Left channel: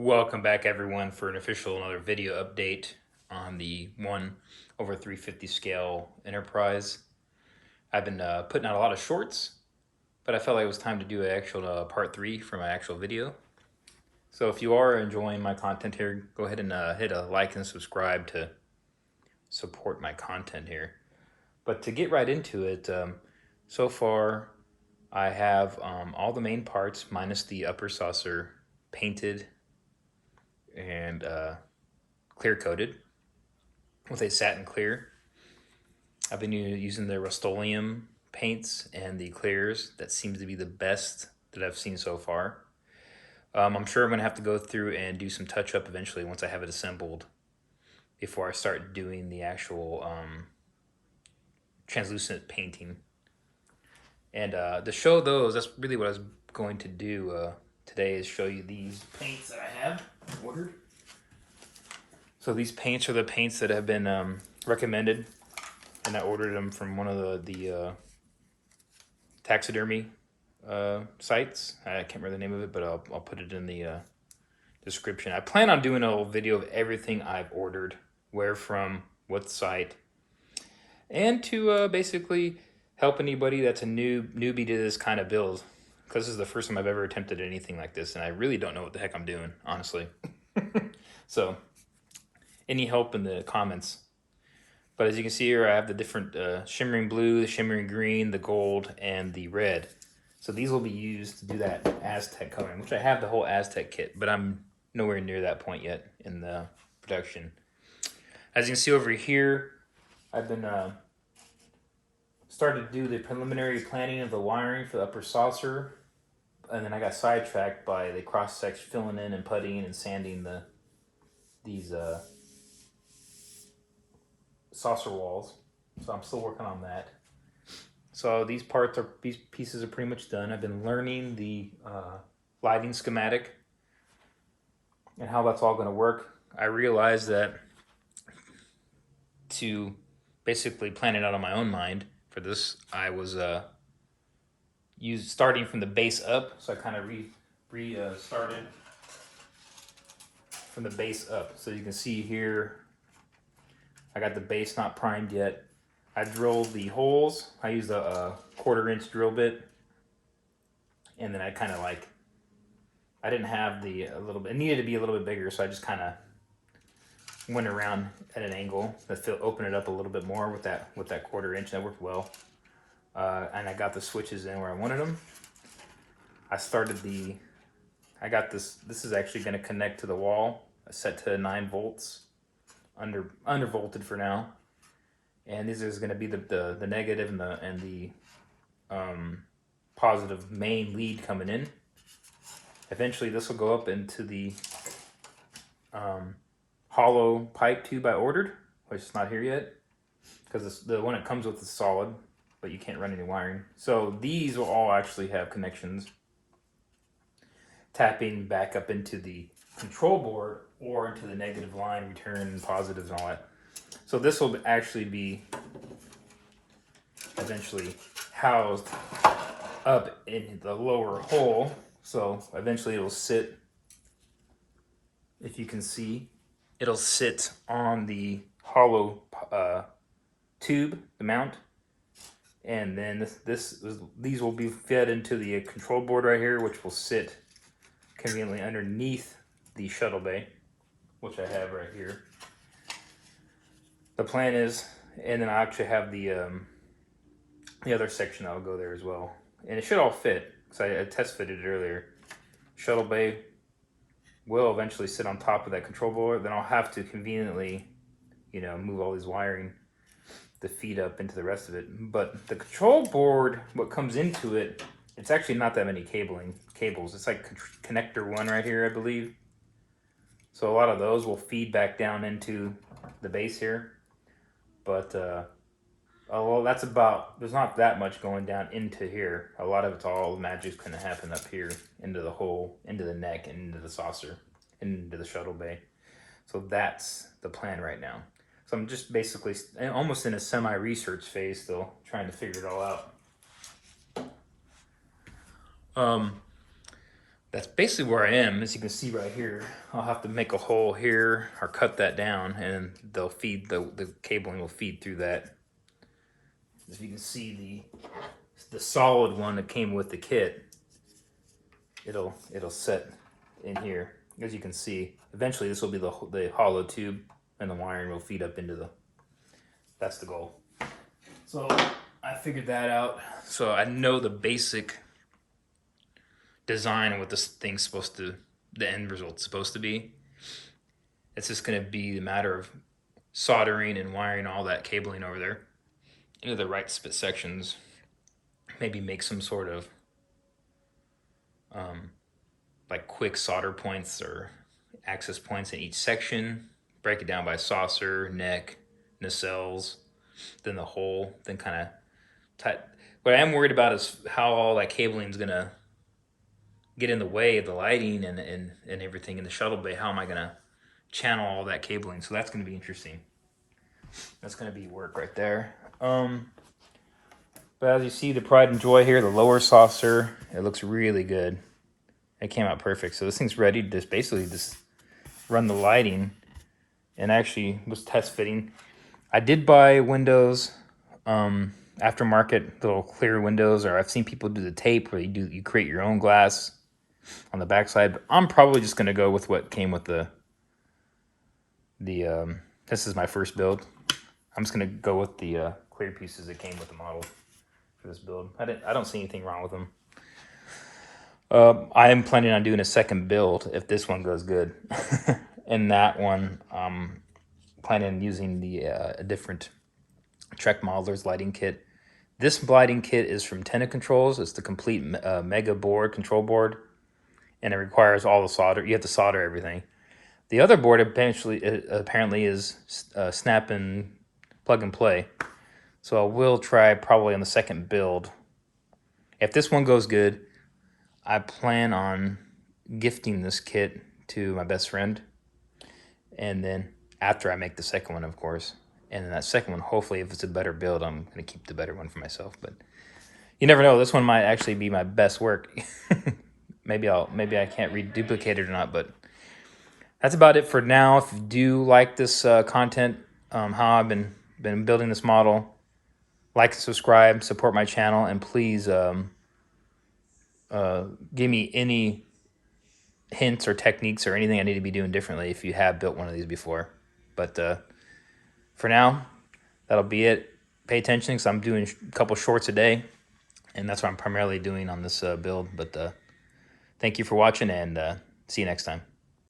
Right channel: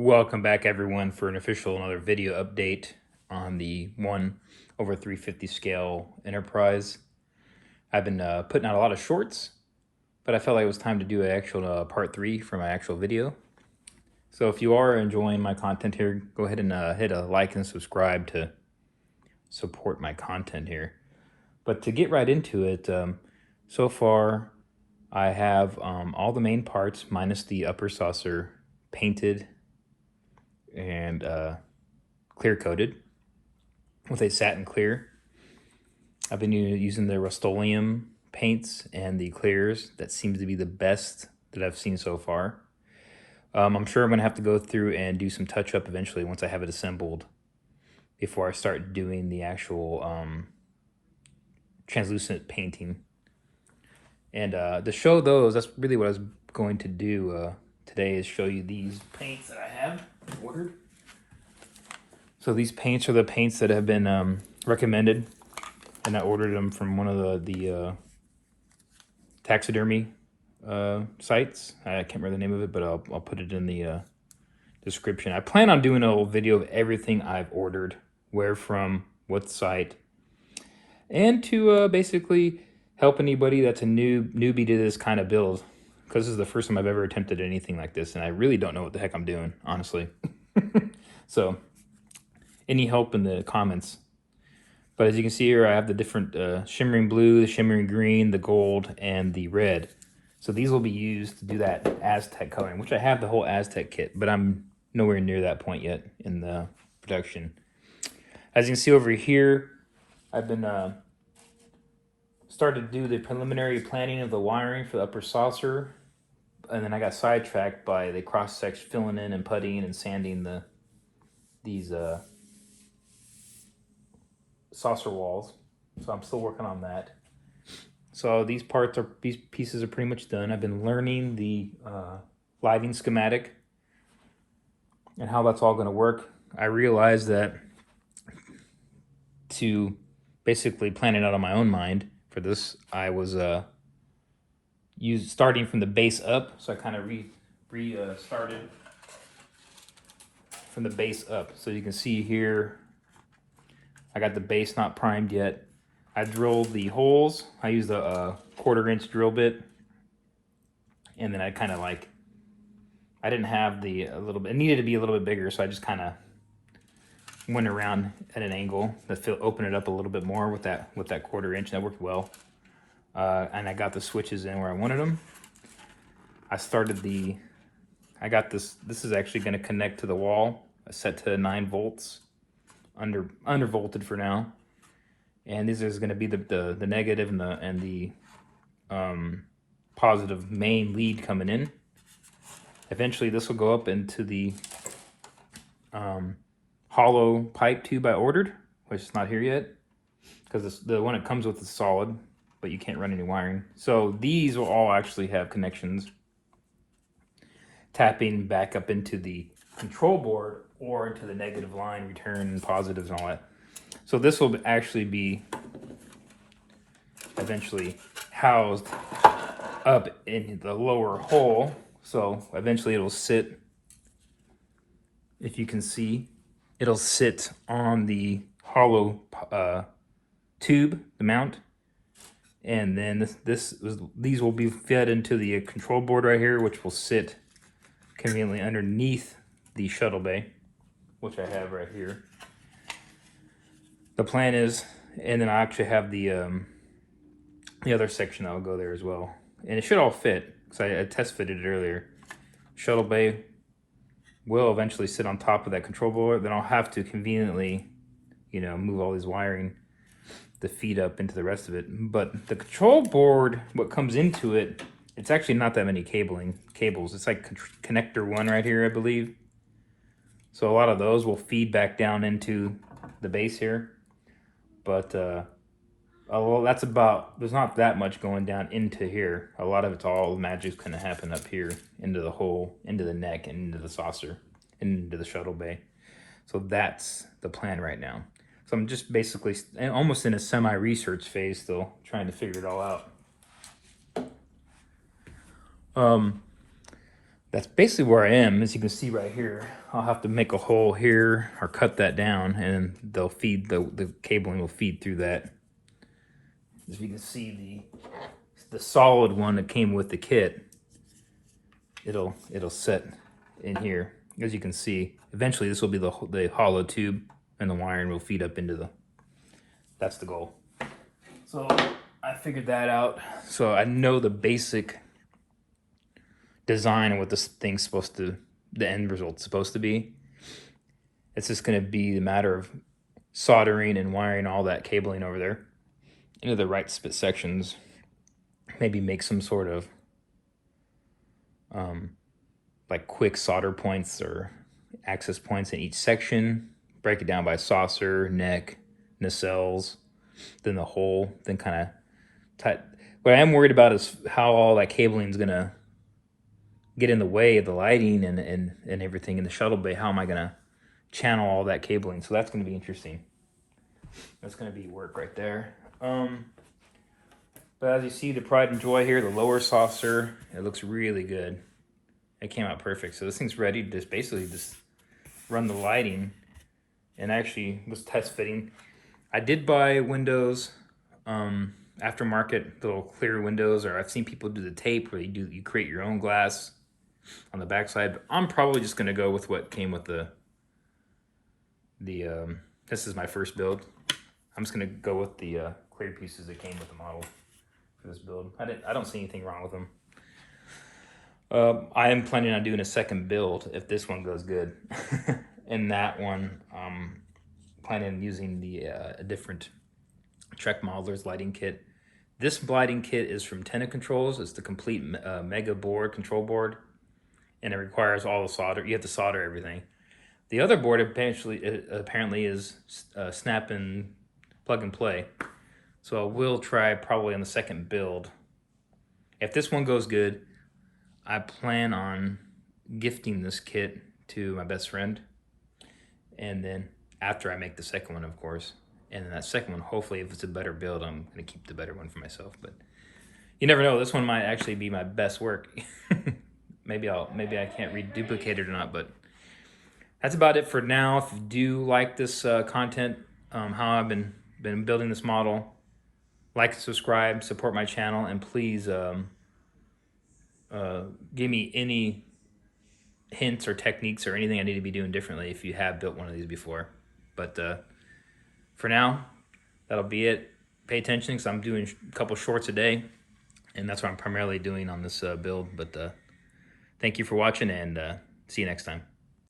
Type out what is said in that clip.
Welcome back everyone for an official another video update on the 1/350 scale Enterprise. I've been putting out a lot of shorts, but I felt like it was time to do an actual part 3 for my actual video. So if you are enjoying my content here, go ahead and hit a like and subscribe to support my content here. But to get right into it, so far I have all the main parts minus the upper saucer painted and clear coated with a satin clear. I've been using the Rust-Oleum paints and the clears. That seems to be the best that I've seen so far. I'm sure I'm gonna have to go through and do some touch up eventually once I have it assembled before I start doing the actual translucent painting. And to show those, that's really what I was going to do today, is show you these paints that I have ordered. So these paints are the paints that have been recommended, and I ordered them from one of the taxidermy sites. I can't remember the name of it, but I'll put it in the description. I plan on doing a little video of everything I've ordered, where from, what site, and to basically help anybody that's a newbie to this kind of build, because this is the first time I've ever attempted anything like this, and I really don't know what the heck I'm doing, honestly. So any help in the comments. But as you can see here, I have the different shimmering blue, the shimmering green, the gold, and the red. So these will be used to do that Aztec coloring, which I have the whole Aztec kit, but I'm nowhere near that point yet in the production. As you can see over here, I've been started to do the preliminary planning of the wiring for the upper saucer, and then I got sidetracked by the cross-section filling in and puttying and sanding these saucer walls. So I'm still working on that. So these pieces are pretty much done. I've been learning the lighting schematic and how that's all going to work. I realized that to basically plan it out on my own mind for this, I was starting from the base up. So I kind of started from the base up. So you can see here, I got the base not primed yet. I drilled the holes. I used a 1/4-inch drill bit, and then I kind of I didn't have a little bit. It needed to be a little bit bigger, so I just kind of went around at an angle to open it up a little bit more with that 1/4-inch. That worked well, and I got the switches in where I wanted them. I got this. This is actually going to connect to the wall. Set to 9 volts. Undervolted for now, and this is going to be the negative and the positive main lead coming in. Eventually this will go up into the hollow pipe tube I ordered, which is not here yet because the one it comes with is solid, but you can't run any wiring. So these will all actually have connections tapping back up into the control board or into the negative line, return positives and all that. So this will actually be eventually housed up in the lower hole. So eventually it'll sit, if you can see, it'll sit on the hollow tube, the mount. And then these will be fed into the control board right here, which will sit conveniently underneath the shuttle bay, which I have right here. The plan is, and then I actually have the other section that will go there as well, and it should all fit. So I test fitted it earlier. Shuttle bay will eventually sit on top of that control board. Then I'll have to conveniently, move all this wiring to feed up into the rest of it. But the control board, what comes into it, it's actually not that many cables. It's like connector 1 right here, I believe. So a lot of those will feed back down into the base here. But well, there's not that much going down into here. A lot of it's all magic's going to happen up here into the hole, into the neck, and into the saucer, into the shuttle bay. So that's the plan right now. So I'm just basically almost in a semi-research phase still, trying to figure it all out. that's basically where I am. As you can see right here, I'll have to make a hole here or cut that down, and they'll feed the cabling will feed through that. As you can see, the solid one that came with the kit, it'll set in here. As you can see, eventually this will be the hollow tube, and the wiring will feed up into the. That's the goal. So I figured that out. So I know the basic design of what this thing's supposed to, the end result's supposed to be. It's just going to be a matter of soldering and wiring all that cabling over there into the right sections. Maybe make some sort of like quick solder points or access points in each section. Break it down by saucer, neck, nacelles, then the hole, then kind of tight. What I am worried about is how all that cabling is going to get in the way of the lighting and everything in the shuttle bay. How am I going to channel all that cabling? So that's going to be interesting. That's going to be work right there. But as you see, the pride and joy here, the lower saucer, it looks really good. It came out perfect. So this thing's ready to basically run the lighting, and actually was test fitting. I did buy windows, aftermarket little clear windows, or I've seen people do the tape where you create your own glass on the backside. But I'm probably just gonna go with what came with the this is my first build. I'm just gonna go with the clear pieces that came with the model for this build. I don't see anything wrong with them. I am planning on doing a second build if this one goes good. And that one, planning on using a different Trek Modeler's lighting kit. This lighting kit is from Tenna Controls. It's the complete mega board, control board, and it requires all the solder. You have to solder everything. The other board apparently is snap and plug and play. So I will try probably on the second build. If this one goes good, I plan on gifting this kit to my best friend. And then after I make the second one, of course. And then that second one, hopefully if it's a better build, I'm going to keep the better one for myself. But you never know. This one might actually be my best work. maybe I can't reduplicate it or not, but that's about it for now. If you do like this content, how I've been building this model, like, subscribe, support my channel, and please give me any hints or techniques or anything I need to be doing differently if you have built one of these before. But for now, that'll be it. Pay attention because I'm doing a couple shorts a day, and that's what I'm primarily doing on this build. But thank you for watching, and see you next time.